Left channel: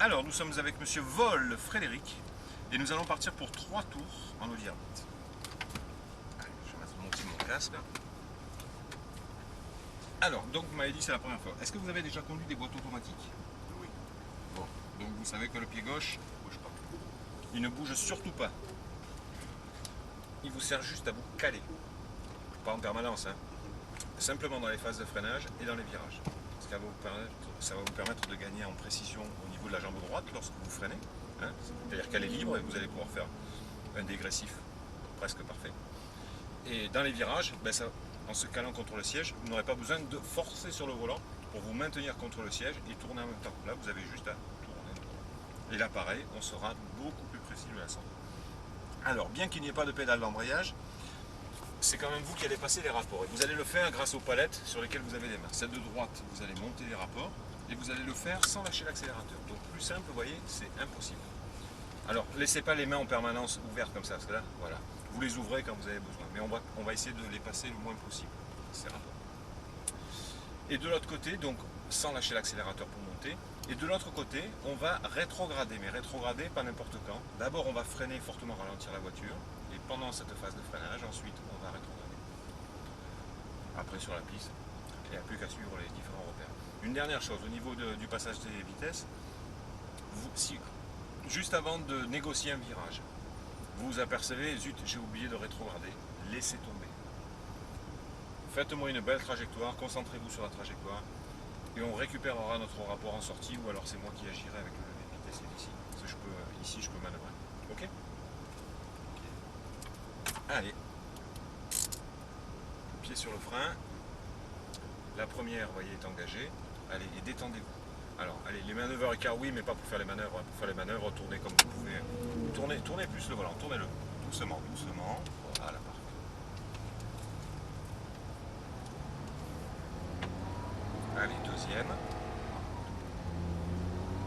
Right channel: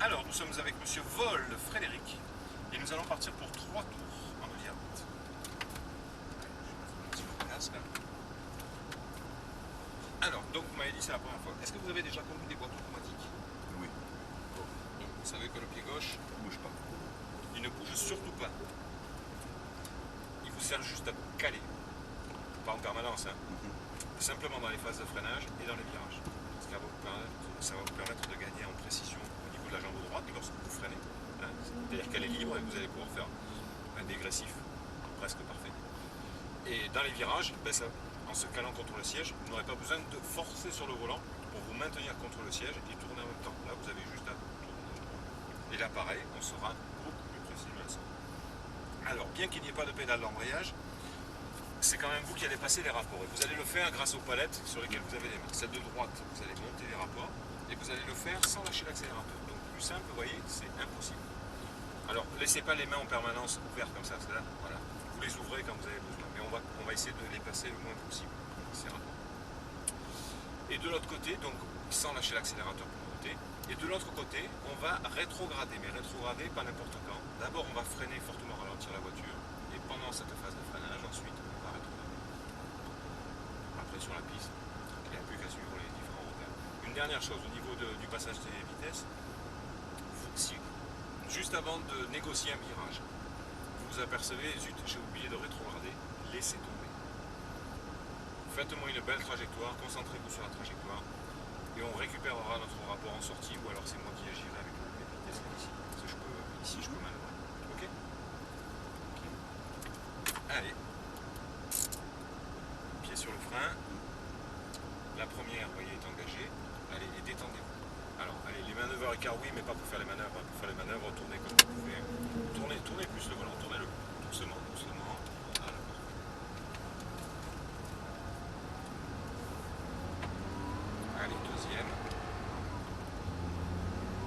Alors, nous sommes avec Monsieur Vol Frédéric et nous allons partir pour 3 tours en Audi R8. Allez, je vais mettre mon petit casque. Alors, donc vous m'avez dit c'est la première fois. Est-ce que vous avez déjà conduit des boîtes automatiques? Oui. Bon, donc vous savez que le pied gauche ne bouge pas. Il ne bouge surtout pas. Il vous sert juste à vous caler. Pas en permanence, hein. Simplement dans les phases de freinage et dans les virages. Ce qui va ça va vous permettre de gagner en précision au niveau de la jambe droite lorsque vous freinez. Hein. C'est-à-dire qu'elle est libre et vous allez pouvoir faire un dégressif presque parfait. Et dans les virages, en se calant contre le siège, vous n'aurez pas besoin de forcer sur le volant pour vous maintenir contre le siège et tourner en même temps. Là, vous avez juste à tourner. Et là, pareil, on sera beaucoup plus précis de la sorte. Alors, bien qu'il n'y ait pas de pédale d'embrayage, c'est quand même vous qui allez passer les rapports. Et vous allez le faire grâce aux palettes sur lesquelles vous avez les mains. Celle de droite, vous allez monter les rapports et vous allez le faire sans lâcher l'accélérateur. Donc plus simple, vous voyez, c'est impossible. Alors, laissez pas les mains en permanence ouvertes comme ça, parce que là, voilà. Vous les ouvrez quand vous avez besoin. Mais on va essayer de les passer le moins possible. Ces rapports. Et de l'autre côté, donc sans lâcher l'accélérateur pour monter. Et de l'autre côté, on va rétrograder, mais rétrograder pas n'importe quand. D'abord, on va freiner fortement, ralentir la voiture. Et pendant cette phase de freinage, ensuite, on va rétrograder. Après, sur la piste, il n'y a plus qu'à suivre les différents repères. Une dernière chose, au niveau du passage des vitesses, juste avant de négocier un virage, vous vous apercevez, zut, j'ai oublié de rétrograder, laissez tomber. Faites-moi une belle trajectoire, concentrez-vous sur la trajectoire, et on récupérera notre rapport en sortie, ou alors c'est moi qui agirai avec le levier de vitesse qui est ici. Parce que ici, je peux manœuvrer. Ok? Allez. Pied sur le frein. La première, vous voyez, est engagée. Allez, et détendez-vous. Alors, allez, les manœuvres écart, oui, mais pas pour faire les manœuvres. Pour faire les manœuvres, tournez comme vous pouvez. Tournez plus le volant, tournez-le. Doucement, doucement. Voilà. Allez, deuxième.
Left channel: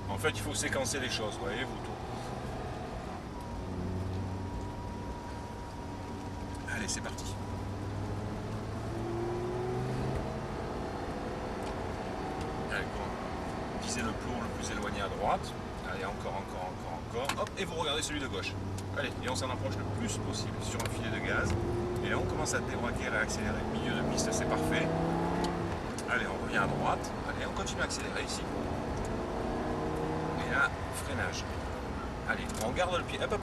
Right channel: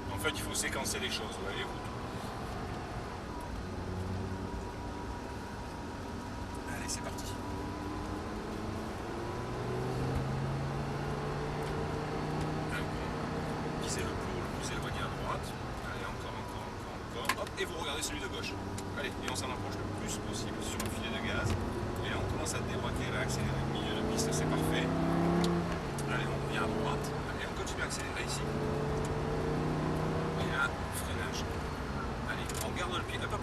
En fait, il faut séquencer les choses, vous voyez, vous tournez. Allez, c'est parti. Visez le plot le plus éloigné à droite. Allez, encore. Hop, et vous regardez celui de gauche. Allez, et on s'en approche le plus possible sur un filet de gaz. Et là, on commence à débraquer et à accélérer. Milieu de piste, c'est parfait. Allez, on revient à droite. Allez, on continue à accélérer ici. Et là, freinage. Allez, on garde le pied. Hop.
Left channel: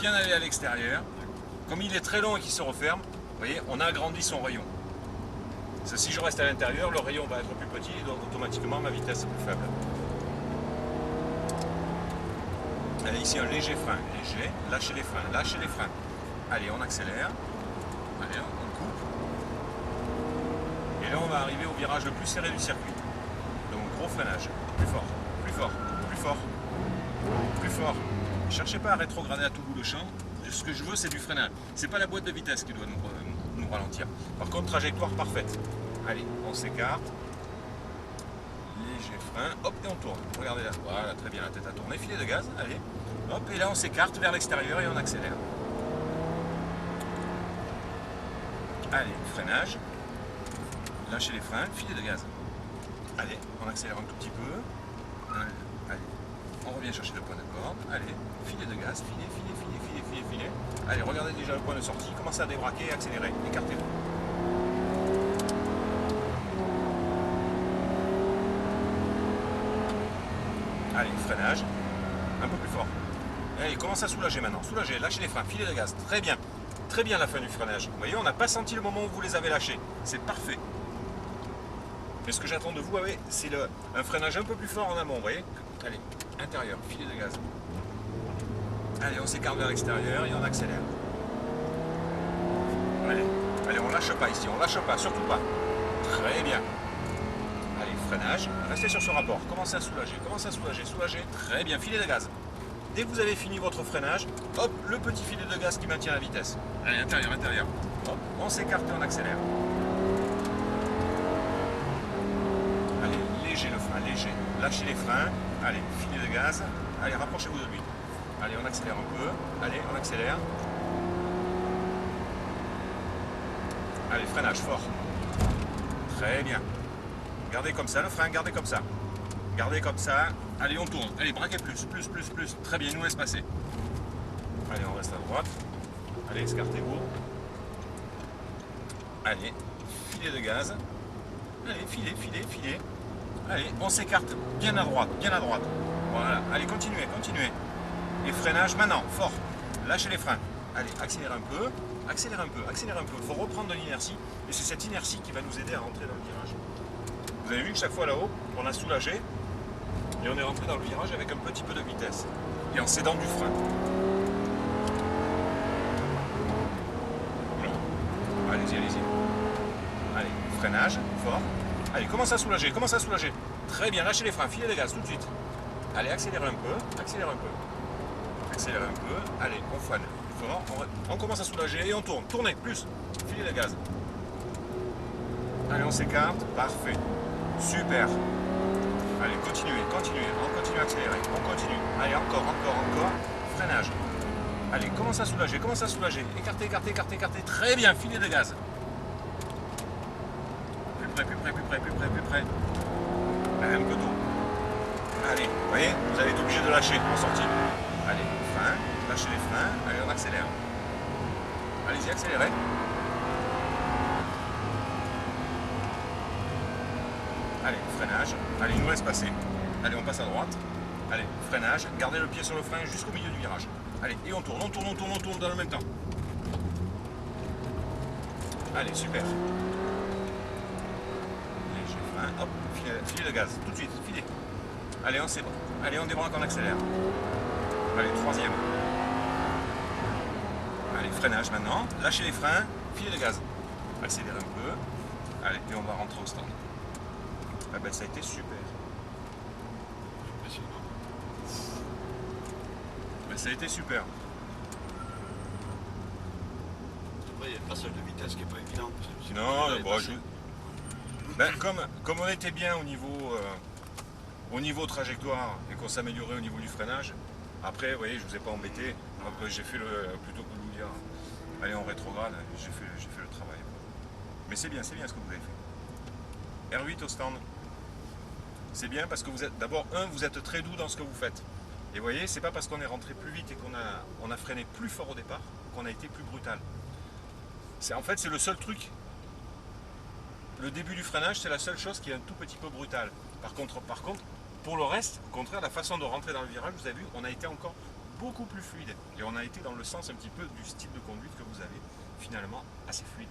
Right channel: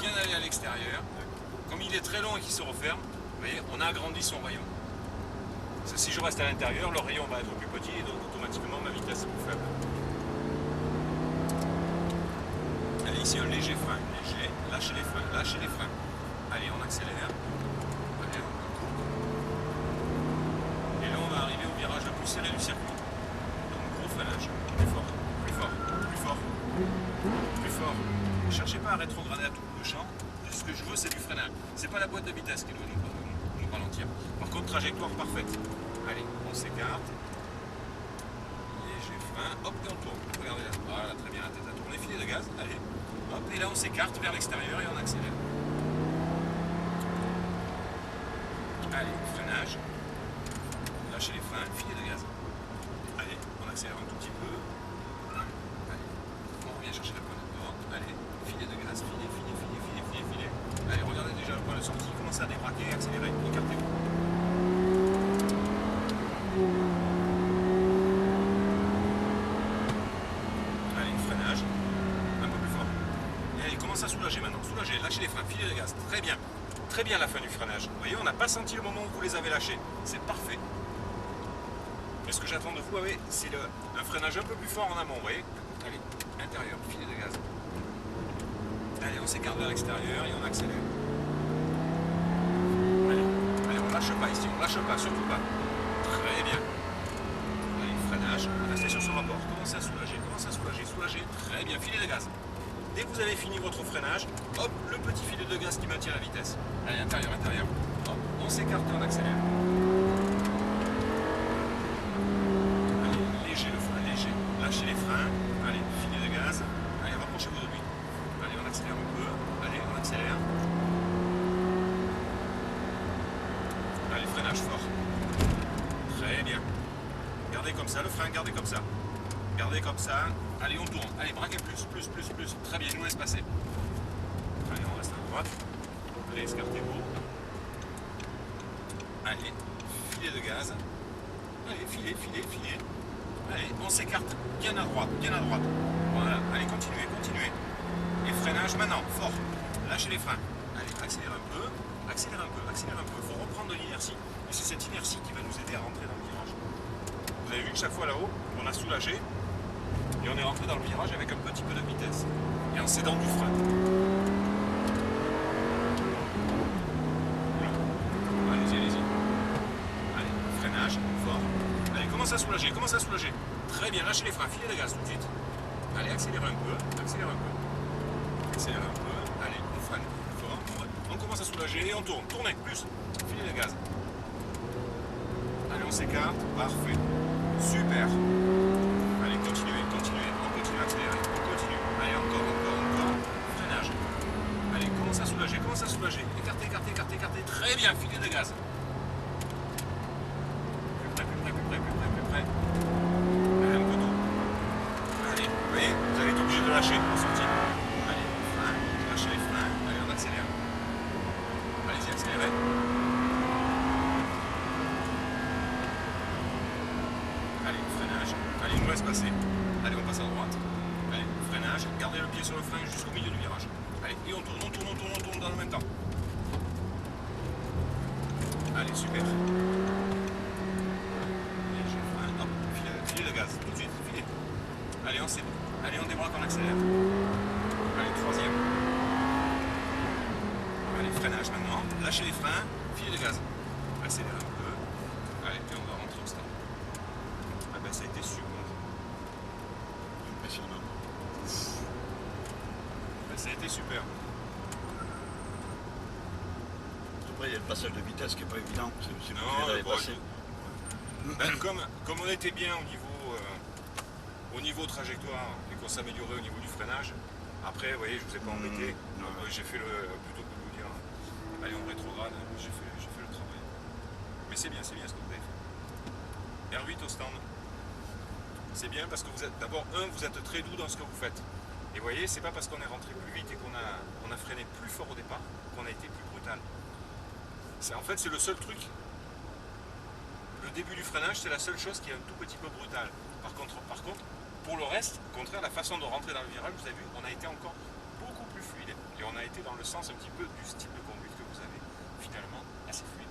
Bien aller à l'extérieur. Comme il est très long et qu'il se referme, vous voyez, on a agrandi son rayon. Si je reste à l'intérieur, le rayon va être plus petit et donc automatiquement ma vitesse est plus faible. Allez, ici un léger frein, léger, lâchez les freins. Allez, on accélère. Allez, on coupe. Et là, on va arriver au virage le plus serré du circuit. Donc gros freinage, plus fort. Cherchez pas à rétrograder à tout bout de champ. Ce que je veux, c'est du freinage. C'est pas la boîte de vitesse qui doit nous ralentir. Par contre, trajectoire parfaite. Allez, on s'écarte. Léger frein. Hop, et on tourne. Regardez là. Voilà, très bien, la tête à tourner. Filet de gaz. Allez. Hop, et là, on s'écarte vers l'extérieur et on accélère. Allez, freinage. Lâchez les freins. Filet de gaz. Allez, on accélère un tout petit peu. Allez. On revient chercher le point d'accord. Allez, filet de gaz. Filet. Allez, regardez déjà le point de sortie, commencez à débraquer, accélérez, écartez-vous. Allez, freinage, un peu plus fort. Allez, commencez à soulager maintenant, soulagez, lâchez les freins, filet de gaz, très bien la fin du freinage. Vous voyez, on n'a pas senti le moment où vous les avez lâchés, c'est parfait. Mais ce que j'attends de vous, c'est un freinage un peu plus fort en amont, vous voyez. Allez, intérieur, filet de gaz. Allez, on s'écarte vers l'extérieur et on accélère. Allez, on lâche pas ici, surtout pas. Très bien. Allez, freinage, restez sur ce rapport, commencez à soulager, très bien, filet de gaz. Dès que vous avez fini votre freinage, hop, le petit filet de gaz qui maintient la vitesse. Allez, intérieur. Hop, on s'écarte et on accélère. Allez, léger le frein, léger. Lâchez les freins. Allez, filet de gaz. Allez, rapprochez-vous de lui. Allez, on accélère un peu. Allez, on accélère. Allez, freinage fort. Très bien. Gardez comme ça le frein, gardez comme ça. Gardez comme ça. Allez, on tourne. Allez, braquez plus. Très bien, il nous laisse passer. Allez, on reste à droite. Allez, escartez-vous. Allez, filet de gaz. Allez, filet. Allez, on s'écarte. Bien à droite. Voilà. Allez, continuez. Et freinage maintenant, fort. Lâchez les freins. Allez, accélérez un peu. Il faut reprendre de l'inertie. Et c'est cette inertie qui va nous aider à rentrer dans le virage. Vous avez vu que chaque fois là-haut, on a soulagé. Et on est rentré dans le virage avec un petit peu de vitesse. Et en cédant du frein. Allez-y. Allez, freinage, fort. Allez, commence à soulager. Très bien, lâchez les freins, filez les gaz tout de suite. Allez, accélérez un peu. Allez, on freine. Fort. On commence à soulager et on tourne. Tournez, plus. Filez les gaz. Allez, on s'écarte. Parfait. Super. Allez, continuez. On continue à accélérer. Allez, encore. Freinage. Allez, commence à soulager. Écartez. Très bien, filez de gaz. Plus près. Allez, un peu d'eau. Allez, vous voyez, vous avez été obligé de lâcher en sortie. Allez, frein, lâchez les freins. Allez, on accélère. Allez-y, accélérez. Allez, freinage. Allez, il nous laisse passer. Allez, on passe à droite. Allez, freinage. Gardez le pied sur le frein jusqu'au milieu du virage. Allez, et on tourne dans le même temps. Allez, super. Léger frein, hop, filet de gaz, tout de suite, filet. Allez, c'est bon. Allez, on débraque, on accélère. Allez, troisième. Allez, freinage maintenant. Lâchez les freins, filet de gaz. Accélérez un peu. Allez, et on va rentrer au stand. Ah ben, ça a été super. Impressionnant. Ben, ça a été super. Après, il y a le passage de vitesse qui n'est pas évident. Non, ben, comme on était bien au niveau trajectoire et qu'on s'améliorait au niveau du freinage, après, vous voyez, je ne vous ai pas embêté. J'ai fait plutôt que de vous dire, allez, on rétrograde, j'ai fait le travail. Mais c'est bien ce que vous avez fait. R8 au stand. C'est bien parce que vous êtes, d'abord, vous êtes très doux dans ce que vous faites. Et vous voyez, c'est pas parce qu'on est rentré plus vite et qu'on a freiné plus fort au départ qu'on a été plus brutal. En fait, c'est le seul truc. Le début du freinage, c'est la seule chose qui est un tout petit peu brutale. Par contre, pour le reste, au contraire, la façon de rentrer dans le virage, vous avez vu, on a été encore beaucoup plus fluide. Et on a été dans le sens un petit peu du style de conduite que vous avez, finalement, assez fluide.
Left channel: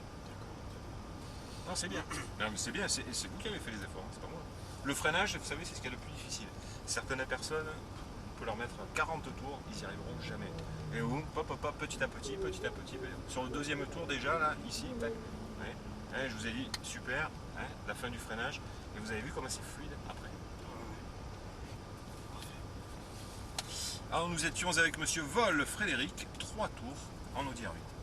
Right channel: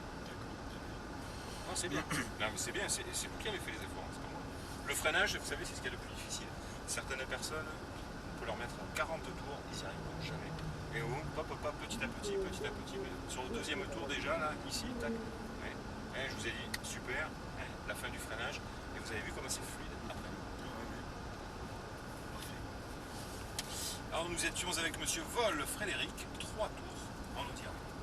Non, c'est bien. Non, mais c'est bien, c'est vous qui avez fait les efforts, c'est pas moi. Le freinage, vous savez, c'est ce qu'il y a de plus difficile. Certaines personnes, on peut leur mettre 40 tours, ils n'y arriveront jamais. Et vous, petit à petit. Sur le deuxième tour déjà, là, ici, tac. Ouais. Je vous ai dit, super, la fin du freinage. Et vous avez vu comment c'est fluide après. Alors nous étions avec monsieur Vol Frédéric, 3 tours en Audi R8.